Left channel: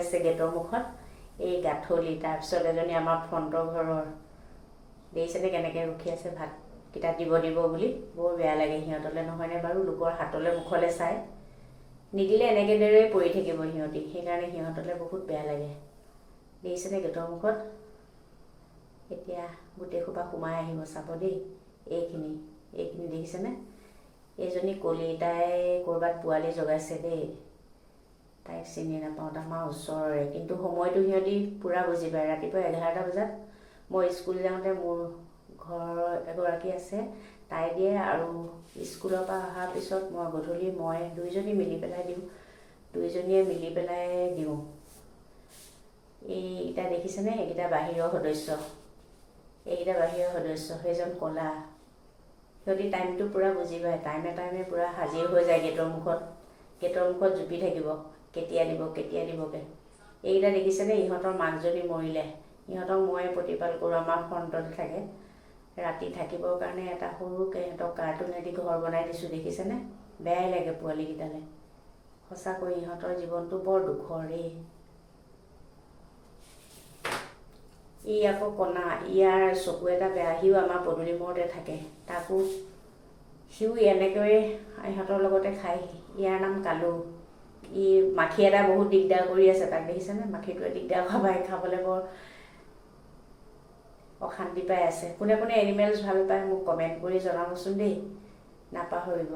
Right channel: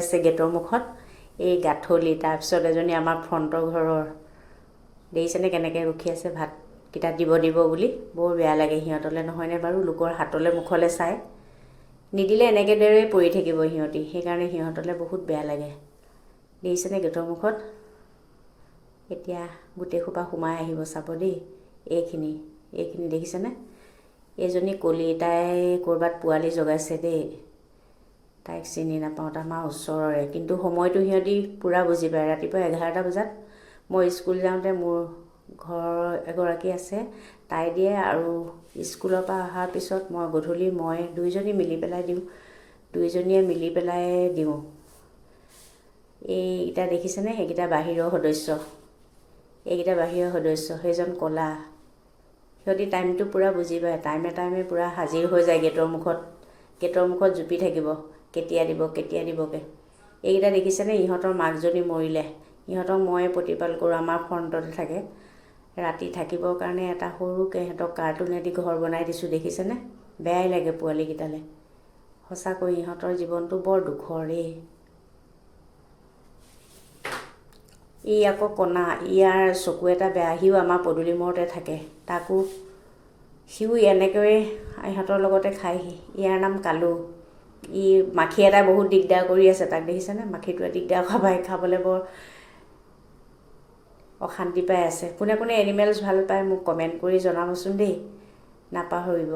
আছে গেটৰ মুখত এই গাঠলি তাৰপিছত এজনী আমাৰ ফ্ৰণ্টৰ ঘৰৰ দেখিছেনে কেনেকৈ ৰখি আছে ভাতকেইটা দিব বুলি বৰ বেয়া লাগে সিহঁতলৈ নহয়নে বাৰু লোকৰ হাতলৈ মুখলৈ চাই নিদিলে এনেকৈ দৰে পৰি থাকিব সিহঁতি সেইকাৰণে সিহঁতলৈ বহুত বেয়া লাগে দেখিছেনে গেটৰ মুখত এতিয়া গোটেই সোপা সোমাই আহিব চাব দেই এইখিনি দেখিছেনে এইজনী কলি তাই ক'ৰবাত পোৱালি জগাইছে দেই তাইক চিনি নাপাওঁ আমাৰ ওচৰৰে কিন্তু সময়টো সিহঁতি পূৰা বুজি পায় ৰাতিপুৱা 11টা বজাত মই স্কুল যাওঁতে মোৰ ঘৰৰ এগৰাকী আছে তাই দিয়ে আৰু স্কুলৰ পৰা অহাৰ পিছত মই গধূলি মই দুইজনী মিলি পেলাই দিওঁ দুইজনীয়ে মিলি পেলাই দিওঁ এইকেইটা দেখিছেনে সেইকেইটা বাহিৰৰ সদস্য এইকেইটা বাহিৰৰ সদস্য সেইজন ক'লা সিহঁতি টাইমটো পূৰা বুজি পায় টাইমে পূৰা হাজিৰ হৈ যায় গেটৰ মুখত জুপি থাকিব কেতিয়া দিবকৈ এইকেইটা দেখিছেনে ইহঁতৰ মাকজনী মৰিলে ইহঁতক ময়ে প্ৰতিপাল কৰোঁ আমাৰ ফ্ৰণ্টতে থাকে ৰাতি থাকিবৰ কাৰণে এটা সৰুকৈ সিহঁতক কাৰ্টুনেদি ঘৰ বনাই দিছোঁ দেখিছেনে বেয়াই লাগে পোৱালীকেইটালৈ সঁচাকৈ ইহঁতৰ জীৱনটো বৰ দুখৰ ই আকৌ কণা ইয়াৰ চকু এটা বেয়া সিও আমাৰ পদূলি মূৰতে থাকে তাকো সিও এনেকৈয়ে ইহঁতৰ লগতে খায়হি ইয়াৰ নাম কালু ই মাখি এটা বহুত দিগদাৰ কৰি আছে তাক দেখিছেনে মাখিটোৱে দিগদাৰ খাবলৈ বৰ অশান্তি পাই আছে কোনে এনিমেলছ ভাল পায় মোক কমেণ্ট কৰি জনাবচোন দেই নাপাহৰিব